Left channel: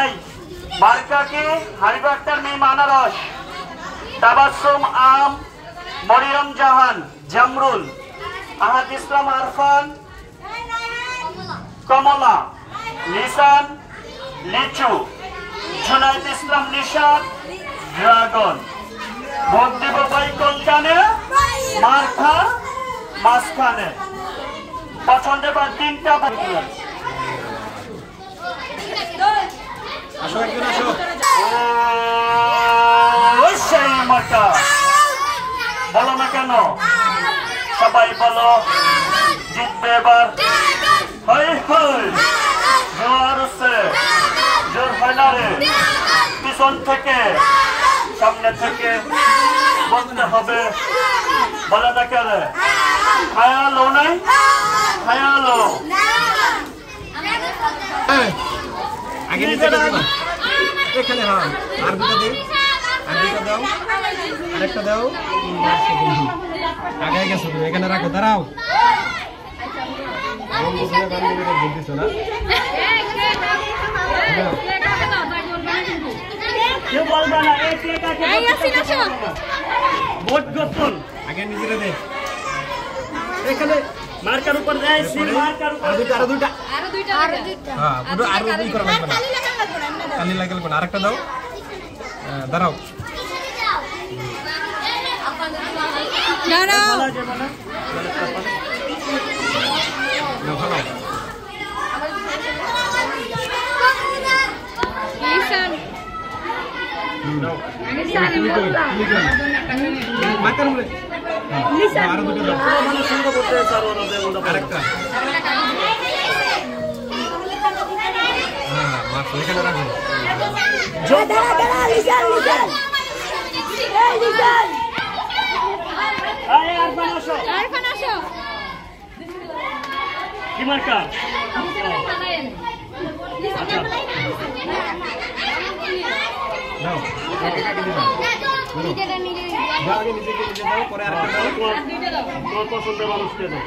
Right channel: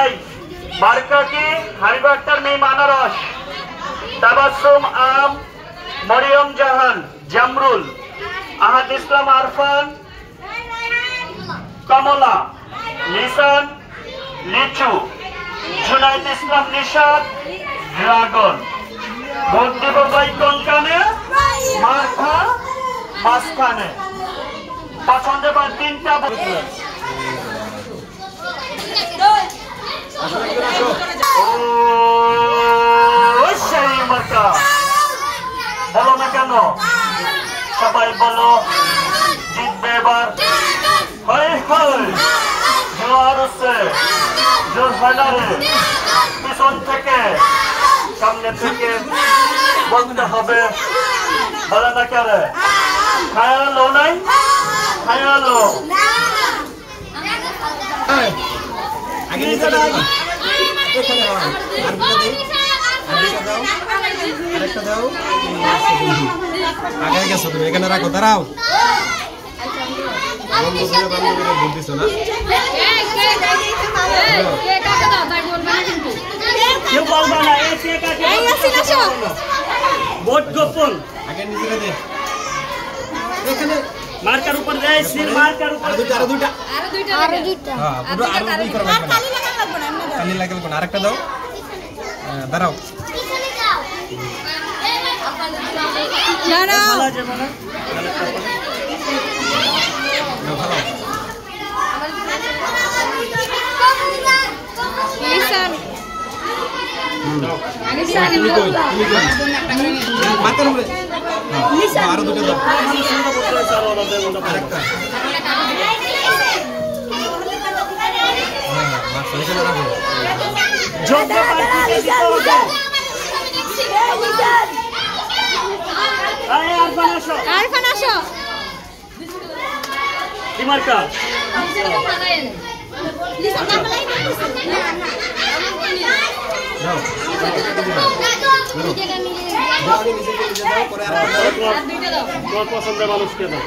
এই মার্কা কি হারিবার্তার মেয়ে আনারস তাবাসসুম আম মরিয়ম জাহান জামরুল আহাদ ইসলাম আরফান কমলা লিসান লিচু জুনাইদ ইসলাম নিশাদ ড্রাগন ভোট দেব ভাই কোনখানে মার্কা মাঝখানে পছন্দের পর 3টা মার্কা বলো না কেন সবাই বলো জিতবে এবার হাই হাই জোয়ার হচ্ছে জোর হয় না রে পিছন থেকে সামনে থেকে বলতে হবে বলে না কেন খায়ালো নাই খায়ালো আগে এখানে হয় আর দুটো দিই আর দুটো দাও আরেকটা দাও আগে গেছো তুমি এখানে রাখো দাঁড়াও বন্ধু ভাই বান্ধবীরা ভোট দিছো না কেউ বলবো না ভোট গোপন আগে নিজেকে দে এখানে মার্কার উপর মার্কার উপর আরো দুইটা হ্যাঁ পুরো আরো দুই করা লাগবে না কালি লাগবে কোন আরেকটা দাও দাঁড়াও দাঁড়াও ভালো যাবে না ভালো লিসান তুমি কই মার্কার উপরে হ্যাঁ আরো দুটো দাও মানে সুন্দর করতে স্যার ওরা দেব না আরেকটা হ্যাঁ মাছ এখানে রাখো আরফান আসো কি মার্কা দাও দাও আগে নিচে দাও পরে আর তোমার পছন্দের মানুষকে দাও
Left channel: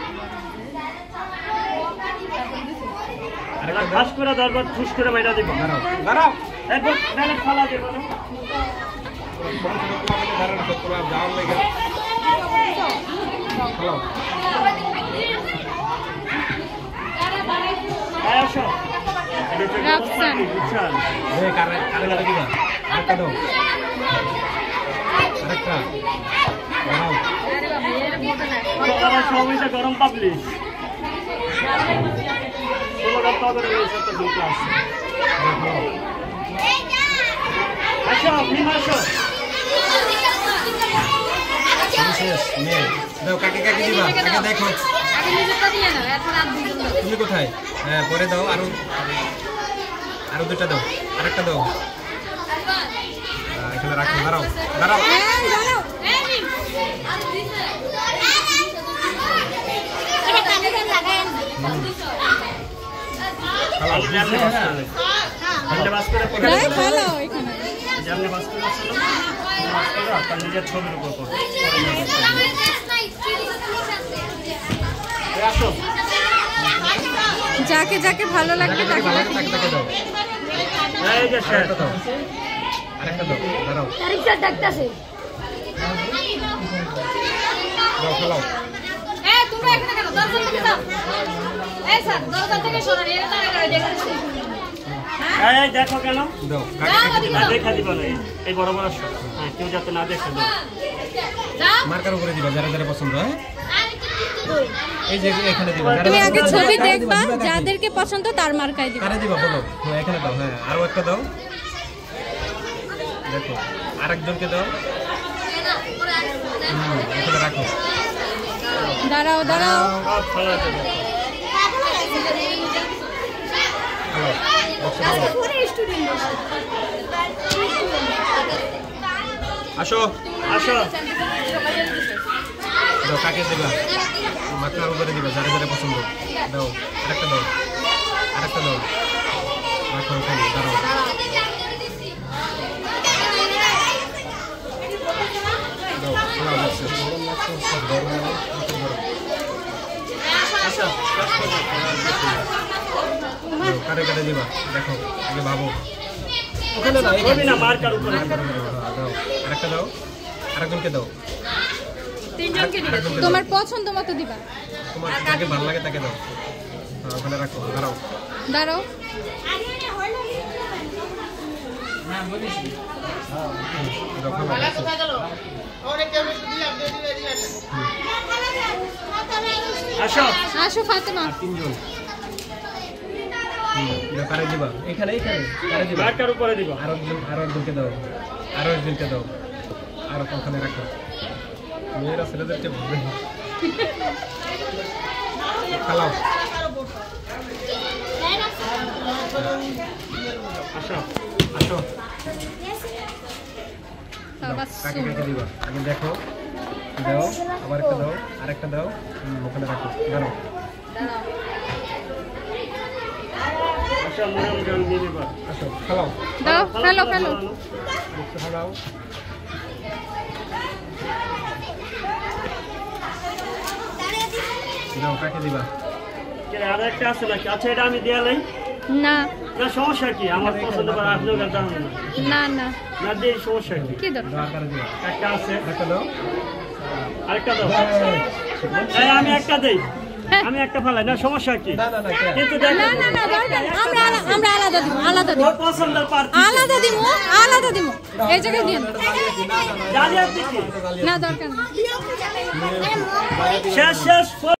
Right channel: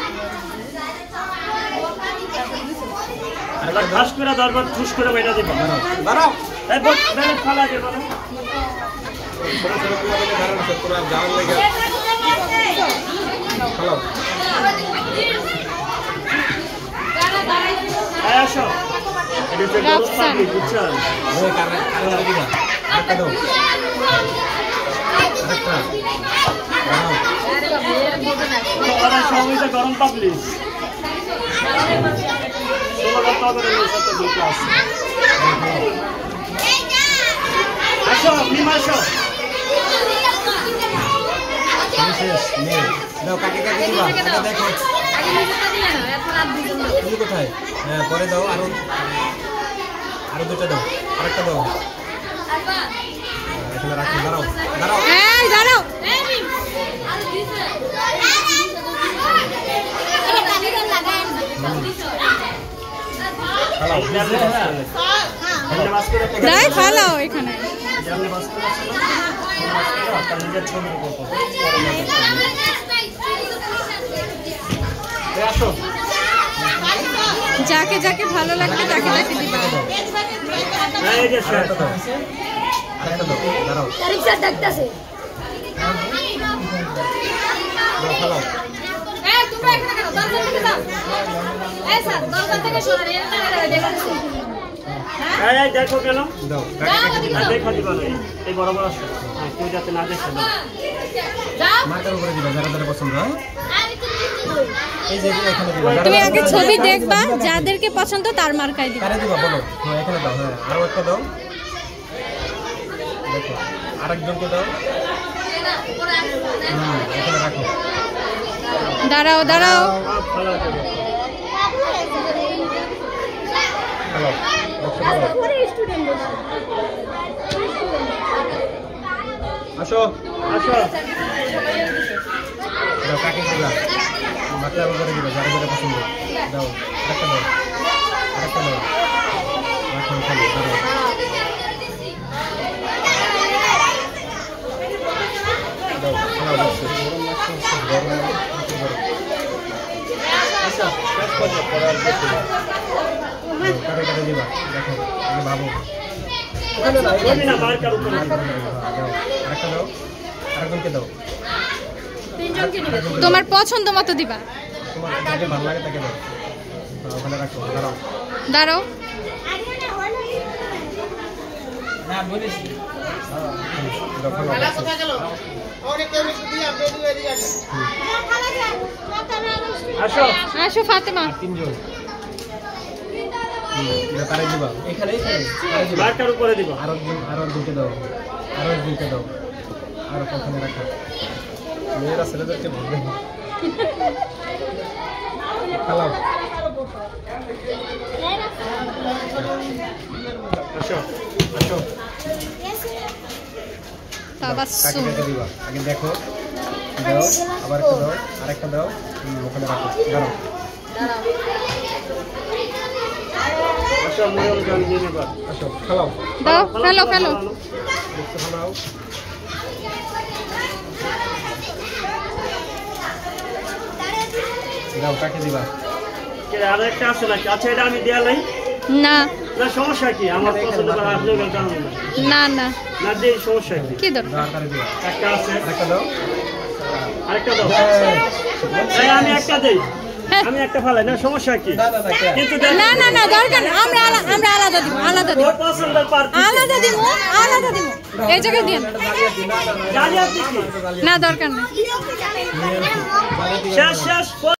আরে খাস করে দরবার ঠুস করে মেটা দিব দাঁড়াও এই বল মেরে ফালা দেব না ছোট ছোট কুয়াতে দাঁড়ানো সব করে যাওয়ার লাগে হ্যালো আয় আসো এটা তো রাফসান। বুঝছেন এই কারে কারে দাঁড়া কি দাও আরেকটা দাও আরেকটা দাও তো ওরা সবাইটা গরম পাবলিশ 16,000 টাকা করে এই সাথে দুটো আছে আসো নিম আসো শেষ নে দাও কাকে কাকে দিবা এটা দেখো তুমি কোথায় হ্যাঁ পরে দাও আরো দুটো দাও আরেকটা দাও এখানে রাখো দাঁড়াও দাঁড়াও এই দাঁড়াও হ্যালো যেমনি বাস করে যেমনি বাস করে পড়ে দাঁড়াই ফেলাও এখানে যেমনি বাস করে আসলো বাস করে আপনার নিজের ছবির উপর আসো যাকে যাকে ভালো লাগবে তাকে তাকে দিবা এই যে স্যার আরেকটা দাও দাঁড়াও দাও ফেলাও এই দেখো কেন দাও কাকে কাকে দিবা দেখা দিবা না এই বড় বড় আসো হ্যাঁ কেউ যাতে না দেখে দাও মার্কার উপরে দিবা যারা যারা পছন্দ এই যে এখানে দিবা তুমি আগে ছবি দেখবা যাদেরকে পছন্দ তার মার্কায় দিবা কারে দিবা বলো হ্যাঁ এখানে দাও হ্যাঁ আরো একটা দাও দেখো আরেকজনকে দাও এখানে রাখো দাঁড়াও দাঁড়াও সব খেলা দেবে হ্যালো বক্স আসো আসো দাও কাকে দিবা মার্কার উপরে দিবা যারা যারা পছন্দ দাও আরেকটা দাও রাখো এখানে দাঁড়াও গরম লাগছে গরম আসো কাটে কাটে দিবা দেখো আগে ভাবো ওখানে না ছবি না মার্কার উপরে দাও আরেকটা দাও আরেকজনকে দাও তোমার পছন্দ মতো দিবা। তোমার যাকে ভালো লাগে তাকে দাও ওখানে রাখো দাঁড়াও দাঁড়াও আসো আসো ফাতেমা। তিনজন তারে দিবা এখানে এখানে তারে দিবা মার্কার উপরে দিব আরো একজনকে দাও আরো একজনকে দাও আর ওখানে রাখো মেয়েরা ছেলেদেরকে বলবে খেলাও আসো আসো তাবাসসুম। কাকে দিবা আগে দেখো দাও আবার একটা দাও আরেকটা দাও ওখানে রাখো দাঁড়াও আসো মরণ গান দিয়ে দেবা আসো খেলাও দাও ফেলো ফেলো। দেখতে খেলাও দাও কাকে দিবা আর একটা আছে নাকি? আচ্ছা এটা আমি দেয়া নাই না না সমস্যা কি আমার পছন্দ করে আসলেও গান জানো না না না না দিয়ে সমস্যা কি কি দরকার? দাও তারে দিবা একটা আছে আরেকটা দাও আরেকটা দাও এই আমি একটা দেই হ্যাঁ। আমি একটা ফেলাই না সমস্যা কি না না না কে কিন্তু না না না দরকার নেই। আমরা আলাদা দিব আলাদা দিব পছন্দের প্রার্থী আলাদা দিব আলাদা দিব এই জায়গায় দিন জানি আপনি কি না দরকার নেই। শেষ শেষ